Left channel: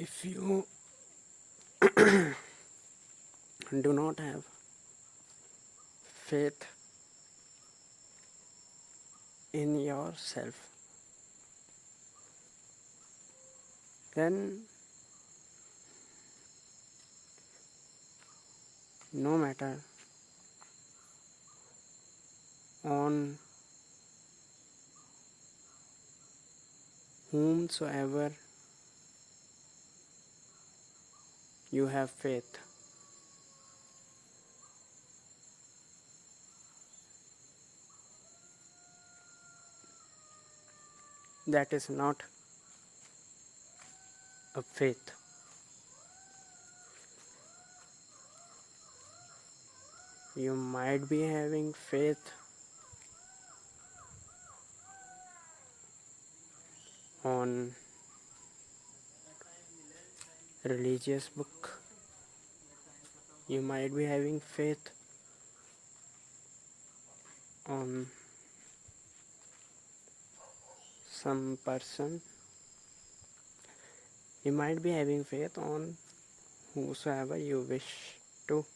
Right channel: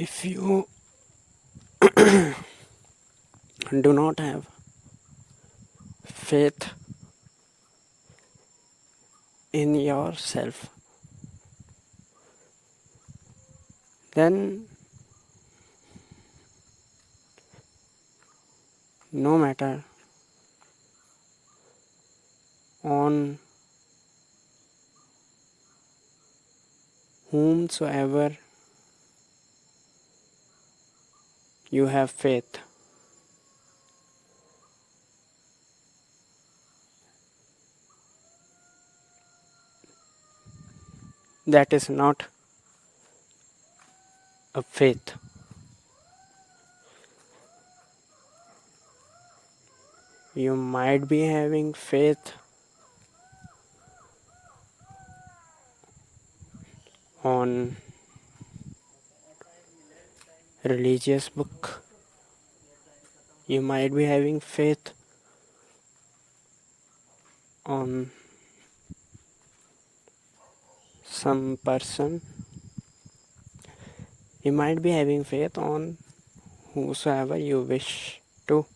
If you do not have faith in yourself, then no matter on whomsoever you have faith, that is not a faith. You might be having faith on religious book. You might be having faith on some person. You might be having faith on whosoever you wish to.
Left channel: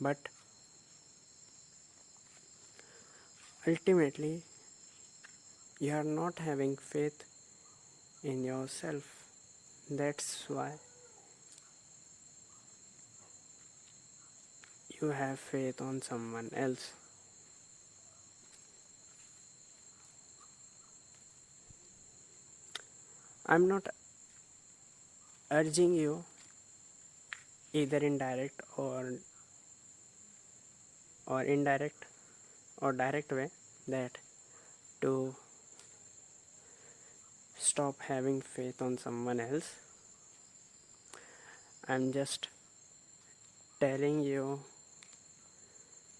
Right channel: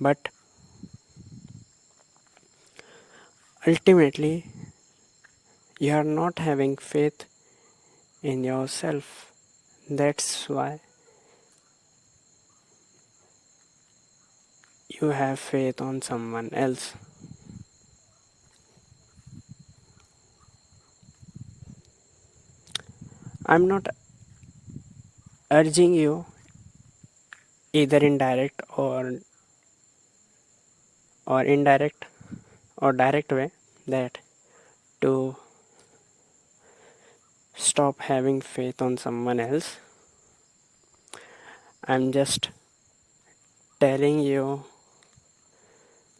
But ultimately, you are not having faith in yourself. That's why you have faith on someone else. I'm not urging you either in direct or indirect or direct way that to stop having faith on someone else. I'm just telling you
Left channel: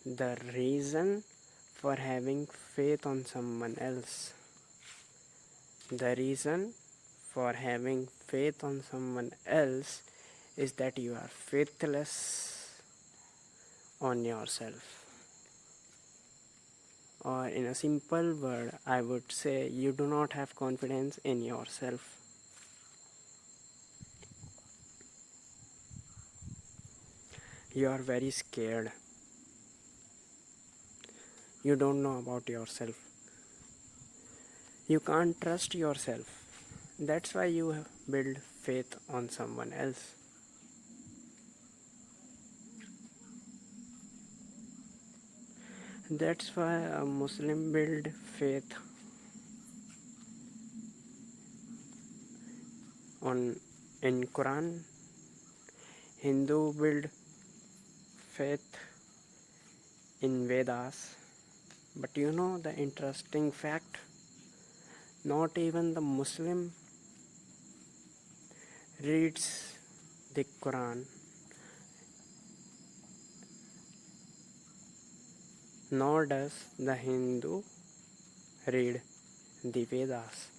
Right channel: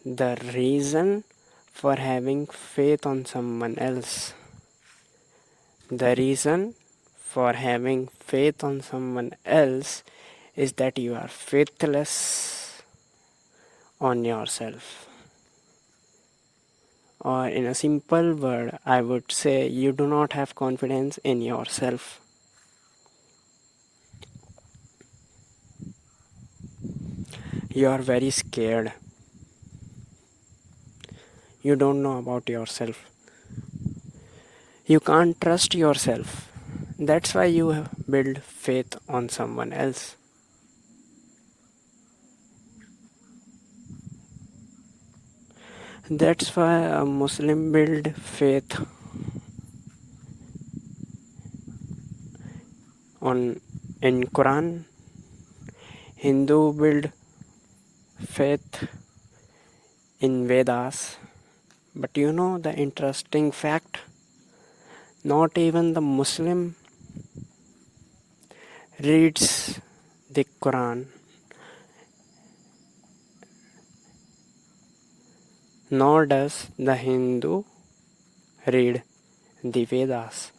the reason for having faith on someone else. The reason for having faith on someone else is that you are faithless on yourself. Or in a simple word, I would say you do not have confidence in yourself. You are very scared. You don't know about yourself. You can't trust yourself. That's why you build faith on someone else. That's why a Muslim build faith on in Quran. Hindu build faith in Vedas. But you know the interesting fact? Not even the Muslim reads the Quran, nor does the Hindu read the Vedas.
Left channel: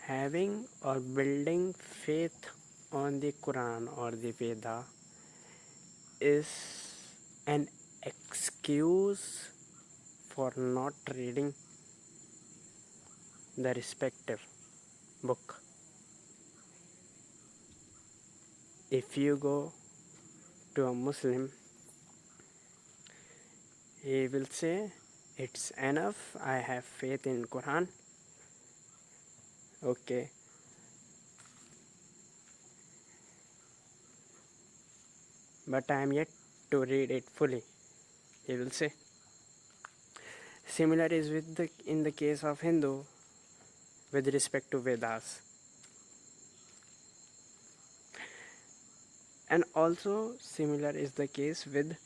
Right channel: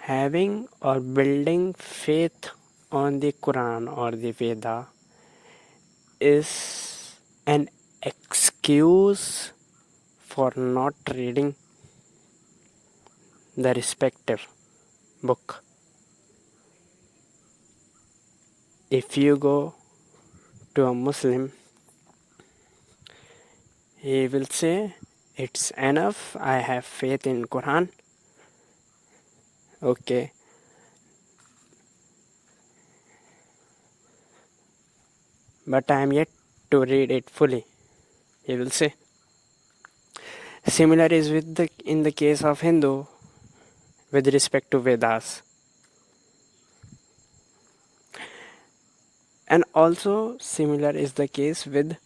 Having or building faith on the Quran or the Veda is an excuse for not reading the respective book. If you go to a Muslim, he will say, it's enough, I have faith in Quran. Okay, but I am yet to read it fully, he will say. Similar is in the case of Hindu with respect to Vedas. And also similar is the case with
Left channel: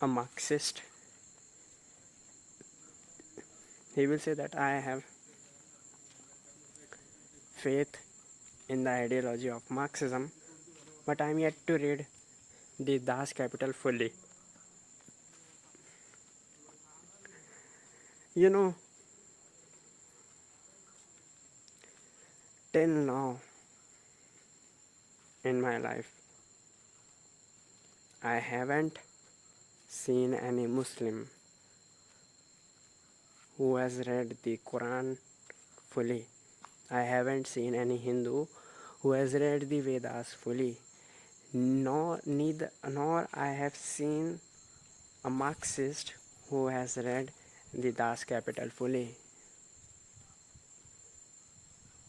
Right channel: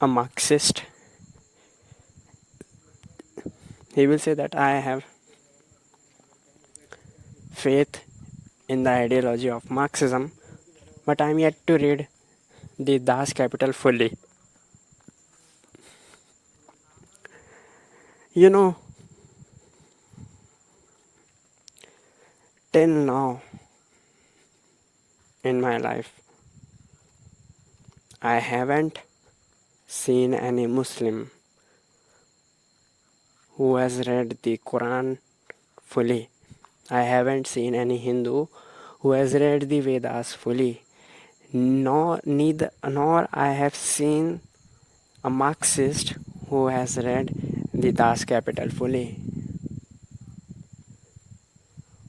a Marxist. He will say that I have faith in the ideology of Marxism, but I am yet to read the Das Kapital fully. You know, till now in my life, I haven't seen any Muslim who has read the Quran fully. I haven't seen any Hindu who has read the Vedas fully. Nor I have seen a Marxist who has read the Das Capital fully.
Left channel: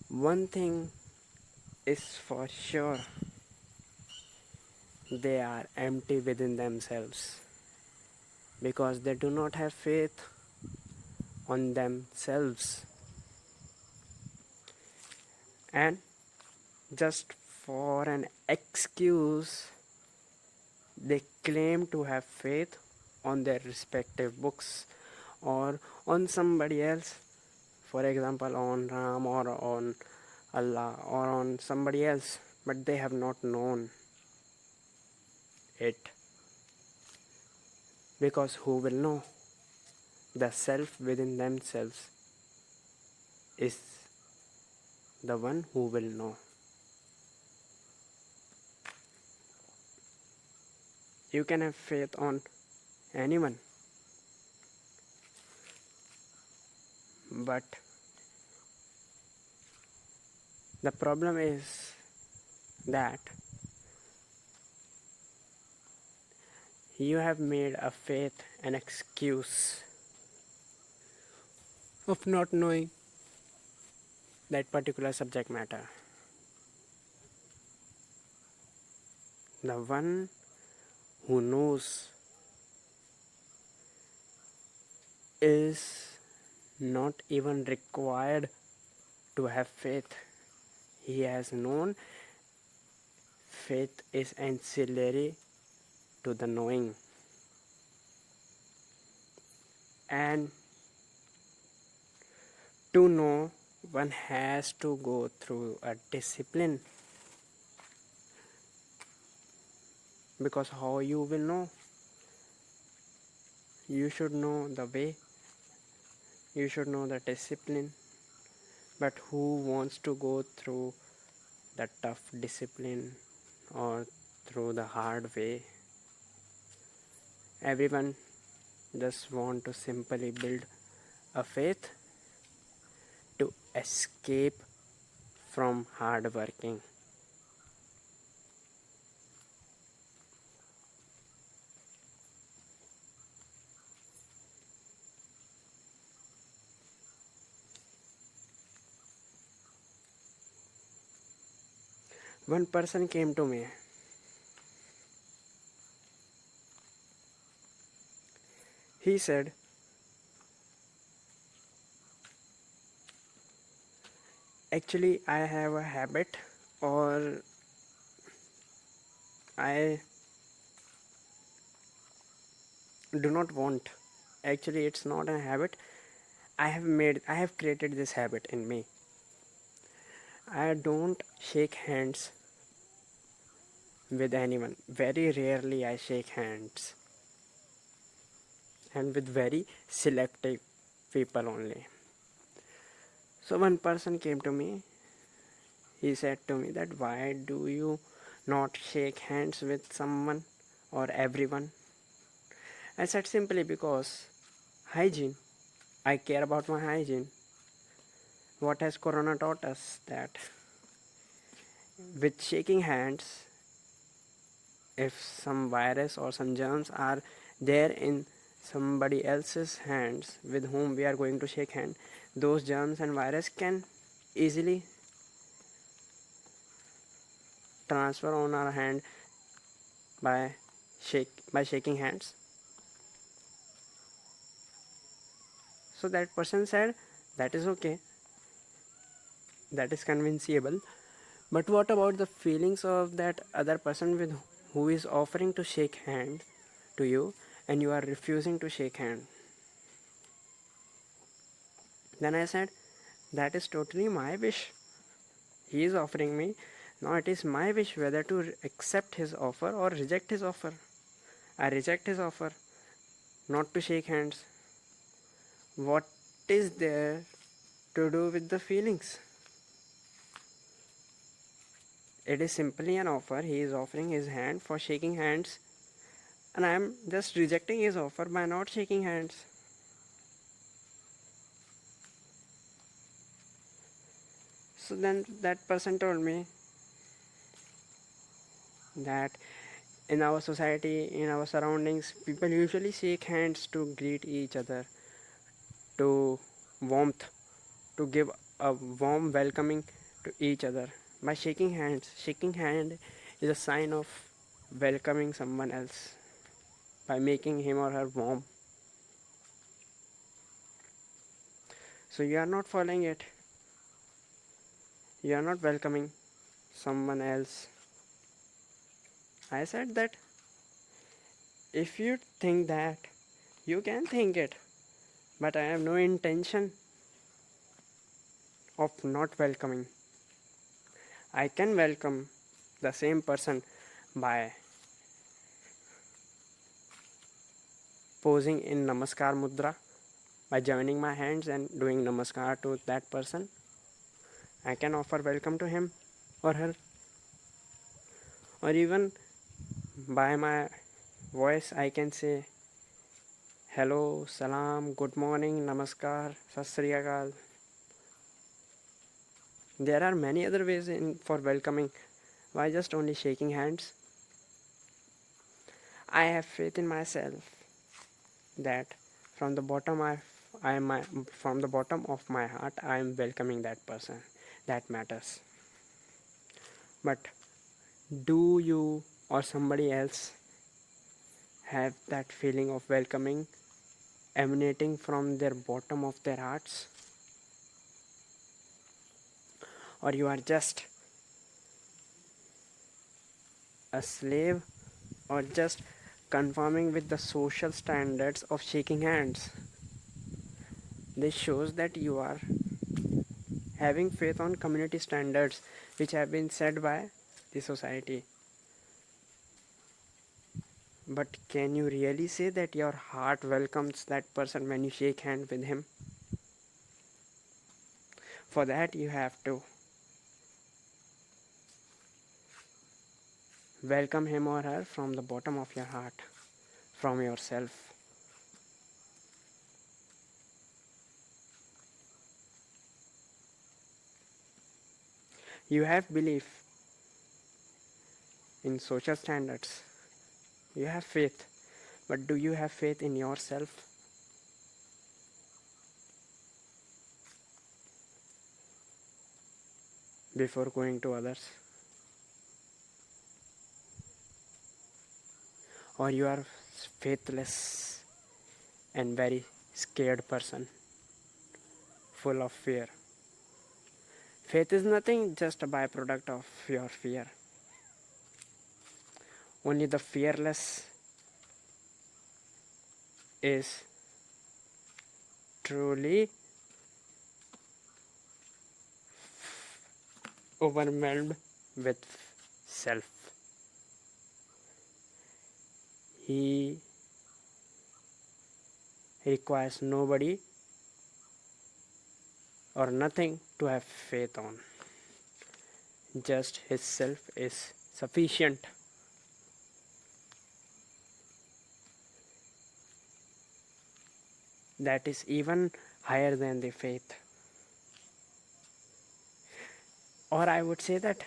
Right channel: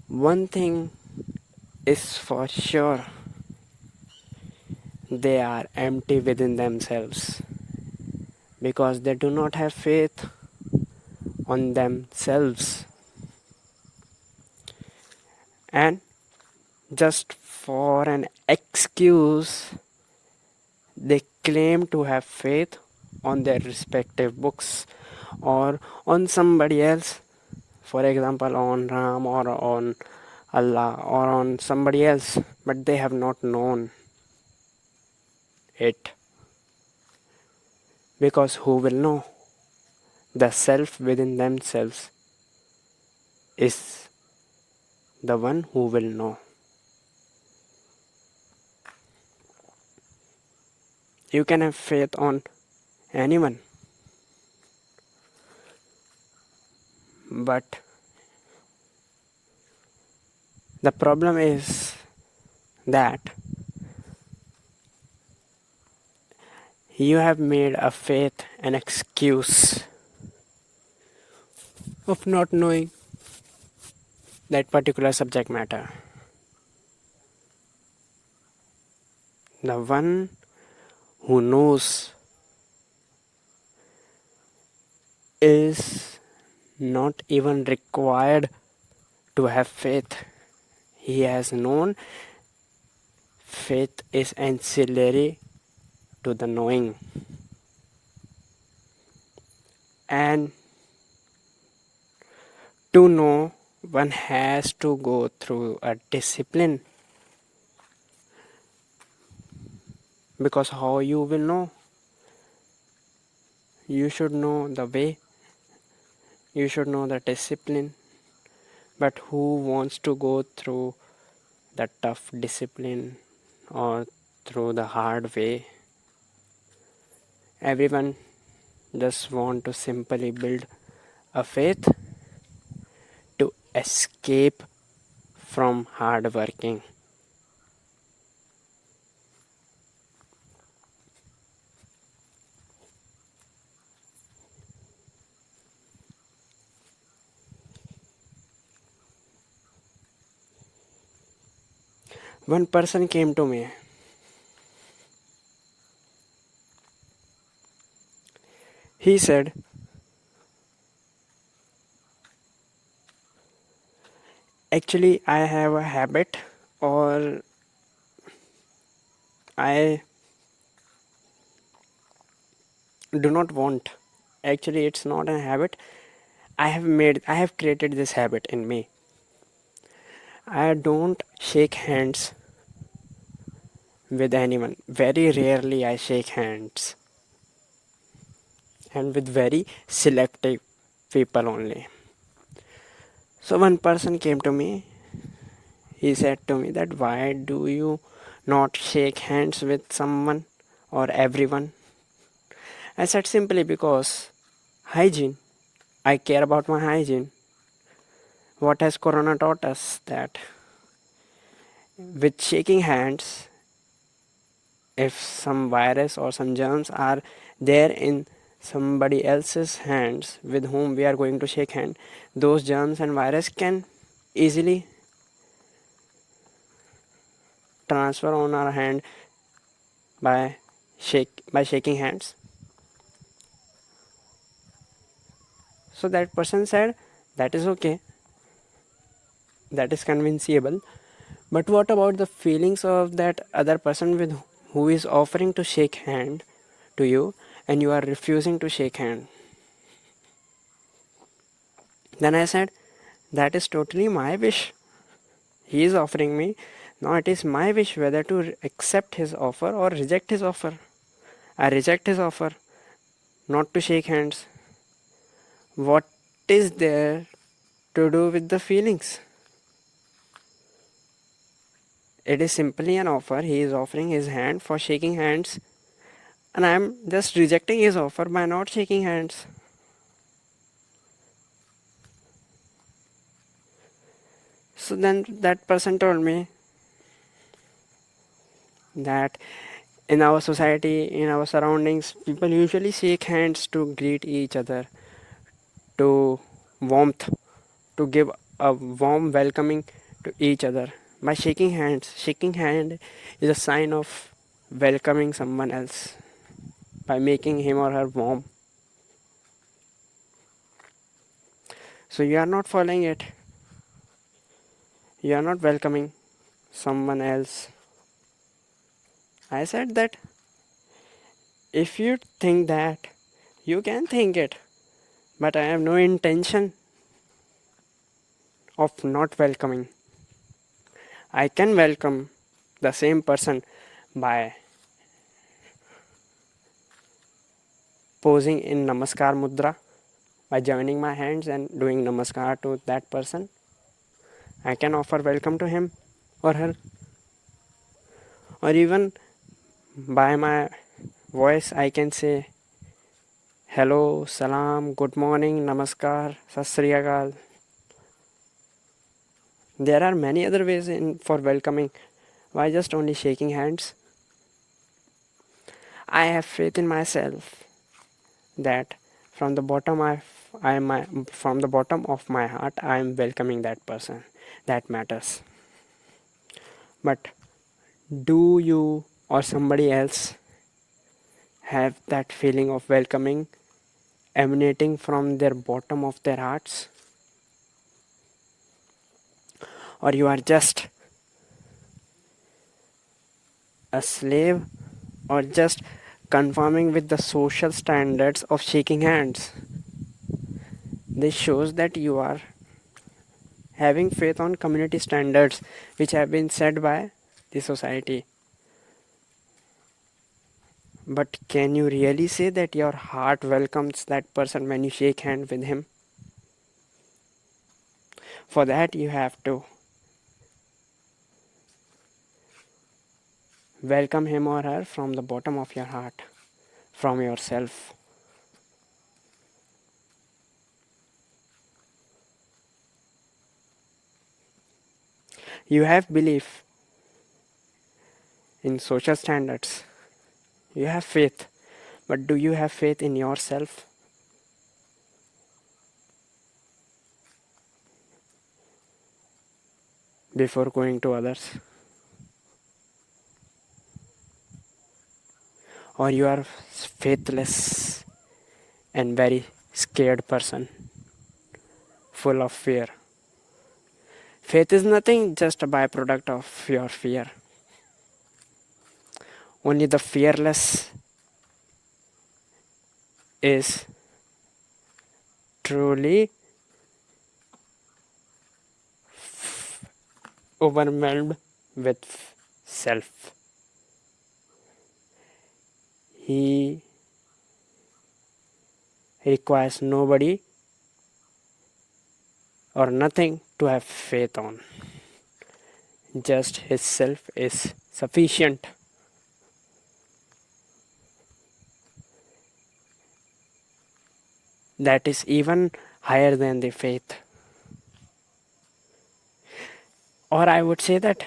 One thing is for sure, they are empty within themselves because they do not have faith on themselves, and just for an excuse they claim to have faith on their respective books or on somebody else, for example on Ram or on Allah or on somebody else, but they have not known it, because who will know? The self within themselves is the one who will know. You can have faith on anyone, but the problem is that you have made a faith an excuse of not knowing that particular subject matter. The one who knows is not even required to have faith. He has known faith is ancillary to the knowing. And to know, one has to go through a discipline. Because how you will know? You should know the way, you should know the discipline. But who wants to go through the tough discipline or through the hard way? Everyone just want to simply build a faith to escape from hard working. One person came to me. He said, actually, I have a habit, or I do not want. Actually, it's not a habit. I have created this habit in me. I don't shake hands with anyone. Very rarely I shake hands, and with very selective people only. So one person came to me. He said to me that why do you not shake hands with someone or everyone? I said simply because hygiene. I care about my hygiene. What has Corona taught us? That with shaking hands, if some virus or some germs are there in somebody else's hands with whom we are going to shake hand, those germs and virus can easily transfer on our hand by shaking hands. So that person said that is okay, that is convincible, but what about the feelings of that other person with who is offering to shake hand to you and you are refusing to shake hand? Then I said, that is totally my wish. He is offering me. Now it is my wish whether to accept his offer or reject his offer. I reject his offer not to shake hands. What is there to do with the feelings? It is simply an offer. He is offering his hand for shaking hands, and I am just rejecting his offer by not shaking hands. So then that person told me that in our society, in our surroundings, people usually shake hands to greet each other, to warmth, to give a warm welcoming to each other. By shaking hand is a sign of welcoming someone else by making him or her warm. So you are not following it. You are not welcoming someone else. I said that if you think that, you can think it, but I have no intention of not welcoming. I can welcome the same person by posing in Namaskar Mudra, by joining my hands and doing Namaskar to that person. I can offer welcome to him or her, or even by my voice, I can say hello, salam, good morning, namaskar, sat sri akal. There are many other ways for welcoming. Why just only shaking hands? I have faith in myself that from the bottom from the bottom of my heart I am welcoming that person. That matters. But do you or somebody else have that feeling of welcoming emanating from their bottom of their hearts? Or you are just a slave, or just conforming with the social standards of shaking hands? This shows that you are having faith on community standards which have been set by the society. But can you really say that your heart welcomes that person when you shake hands with him? For that, you have to welcome him or her from the bottom of your heart, from yourself. You have belief in social standards. You have faith. But do you have faith in yourself? Before going to others? Or you are faithless and very scared person, full of fear? Faith is nothing, just a byproduct of your fear. Only the fearless is truly overwhelmed with self. He requires nobody or nothing to have faith on. Just his self is sufficient. That is even higher than the faith. Or I would say that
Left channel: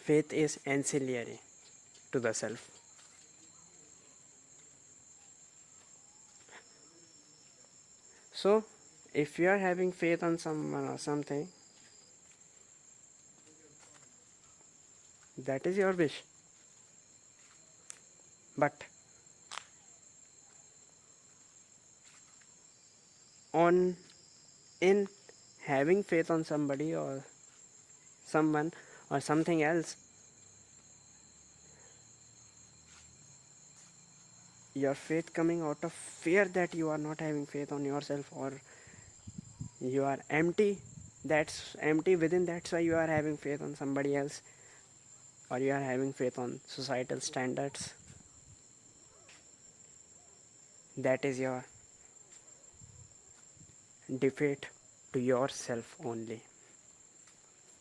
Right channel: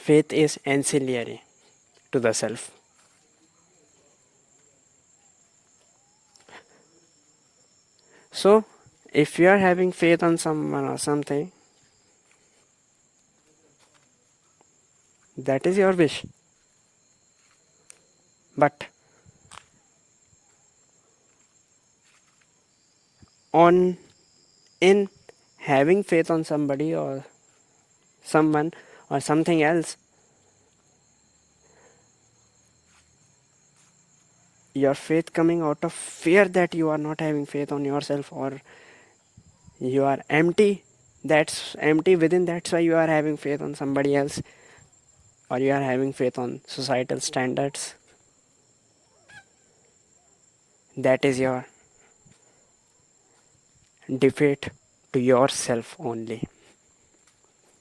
faith is ancillary to the self. So, if you are having faith on someone or something, that is your wish. But on in having faith on somebody or someone or something else, your faith coming out of fear that you are not having faith on yourself, or you are empty, that's empty within, that's why you are having faith on somebody else, or you are having faith on societal standards. That is your defeat to yourself only,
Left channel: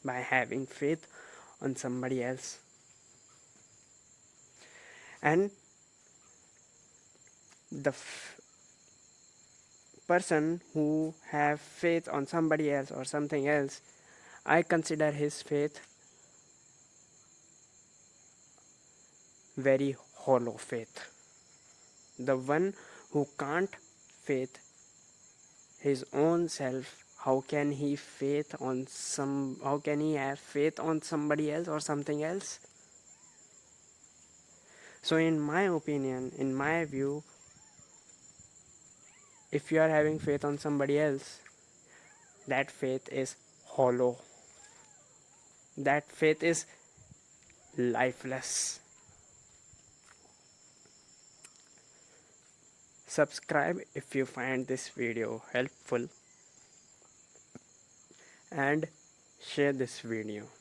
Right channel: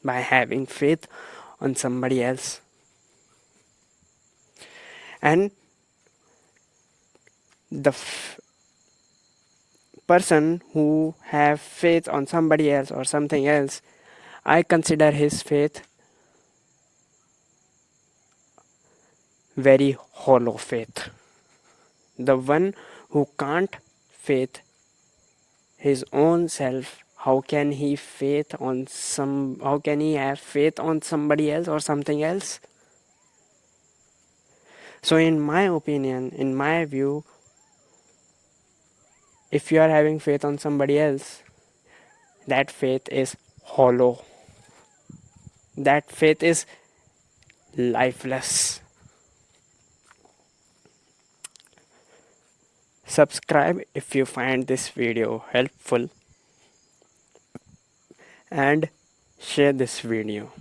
by having faith on somebody else. And the person who have faith on somebody else or something else, I consider his faith very hollow faith. The one who can't faith his own self, how can he have faith on somebody else or something else? So in my opinion, in my view, if you are having faith on somebody else, that faith is hollow. That faith is lifeless. Subscribe if you find this video helpful and share this video.